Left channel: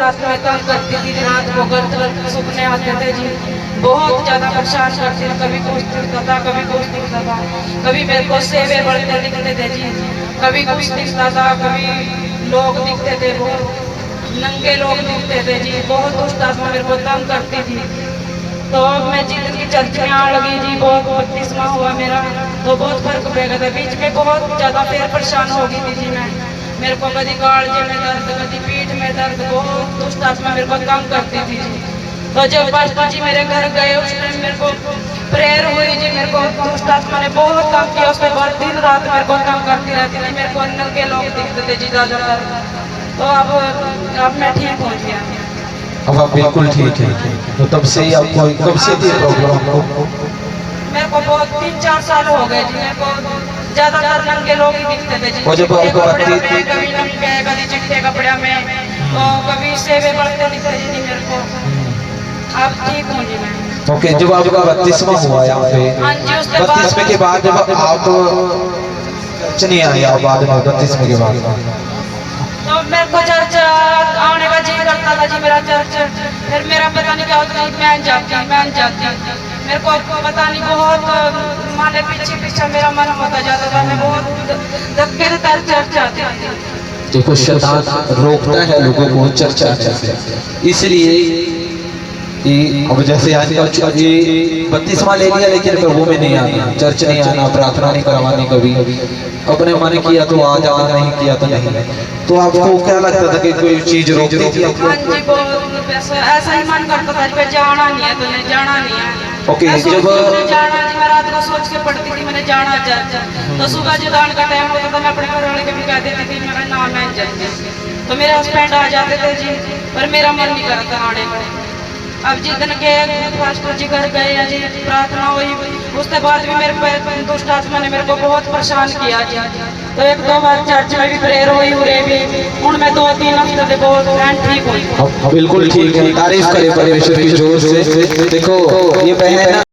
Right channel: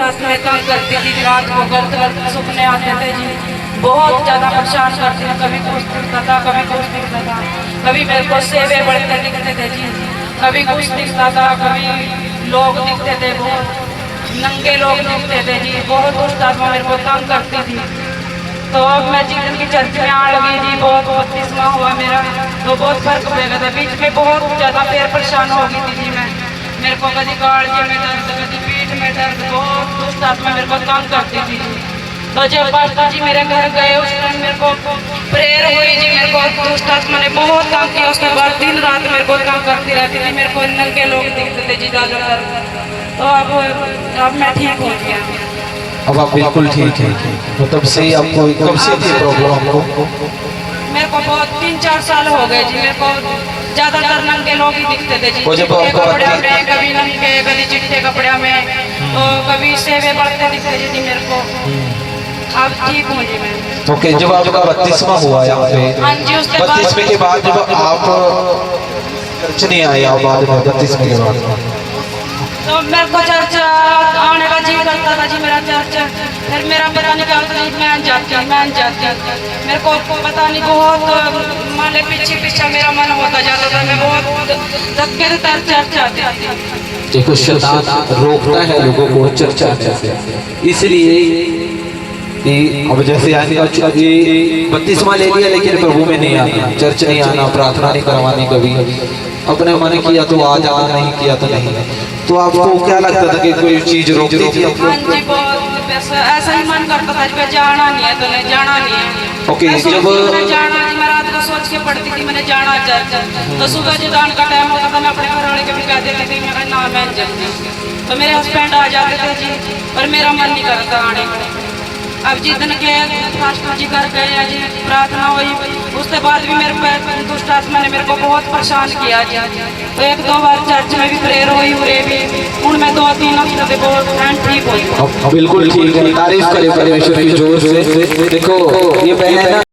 रात में तंग करती थी, रात को गलत गलत सपने आते थे जी, बहुत ज़्यादा परेशान करती थी। कभी कुछ दिखता था, कभी कुछ दिखता था, कभी मेरे को सेवे बढ़ते दिखते थे जी, कभी कुछ दिखता था, कभी लोग दिखते थे, बहुत नंगे लोग दिखते थे जी। बहुत दुष्ट आत्मा मेरे को तंग करती थी। तो अब मैं जिस की चर्च में आने लगी जी, बहुत 32वां हुआ मेरा, तो बहुत फर्क पड़ गया था। बीच में बहुत ज़्यादा फिर परेशान हो गई थी जी मैं, मेरे को कभी कालजे में दर्द, कभी पीठ में दर्द, बहुत दुष्ट आत्मा मेरे को तंग करती थी। तो जब पास्टर जी मेरे घर गए उस टाइम मेरे को प्रेयर हुई जी, मेरे को दुष्ट आत्मा ने बहुत तंग किया। उसके बाद दिन रात मेरे को तंग करती रहती थी, मेरे को नंगे लोग दिखते थे जी ज़्यादातर। तो अब मैं ठीक हो गया, अब आप बिल्कुल ठीक है। तो तब से आपको कब से थी प्रॉब्लम आपको? मेरे को बहुत 3-4 साल हो गए जी। मेरे को ज्यादातर नंगे लोग ही दिखते थे जी, जब आपको कपड़े में, कभी नंगे, कभी चिट्टे कपड़े में, तो कभी सेवे बढ़ते दिखते जी मेरे को। अब ठीक हूँ जी मैं। ओके, जब आपका 32वां हुआ यहाँ पे, हाँ जी, उसके 32वें के बाद जब आप चर्च नहीं आए, आप बाद में 32वें के बाद तो मेरे को चर्च आने का जी करता था जी मेरा चर्च। फिर मेरा पता नहीं क्या होता था, मैं जाती मेरे को पता नहीं, बहुत माने पीछे मेरा मन होता जाता था, मैं बहुत धक्के से चर्च आती थी। देखो, शैतान रोकता है लोगों को चर्च आने से, इसलिए कि अब जैसे ये 32वां ले लिया, लेकिन प्रभु में नहीं आना, चर्च नहीं आना, प्रार्थना नहीं करवानी, कभी अपने मन किया तो आ जाना, नहीं किया तो नहीं। तो आपको क्या लगता था कि कोई चीज रोकती थी? हाँ जी, बहुत ऐसा ही मन करता था कि जाना नहीं है तो नहीं, जाना नहीं है। ओके, जब जाना, मैं रात को सोच के पढ़ती थी मैंने जाना चर्च, तो सुबह जुदान का टाइम होता था, मैं अपने घर वाले को भी कह देती थी मेरा नाम है जाऊंगी, तो मेरे हस्बैंड आ जाते थे जी, पर मेरा मन नहीं करता आने को। अब जिस दिन के पास्टर जी घर गए जी, प्रार्थना हुई, उसके बाद भी मेरे पे दुष्ट आत्मा ने मेरे को बहुत परेशान किया जी। तो 1-2 बार चर्च में भी प्रेयर हुई, हुए भी उनमें 2-3 हफ्ते से बहुत ठीक हुई। बिल्कुल ठीक है, तारीफ करें परमेश्वर की जोर से। देखो, ये बहन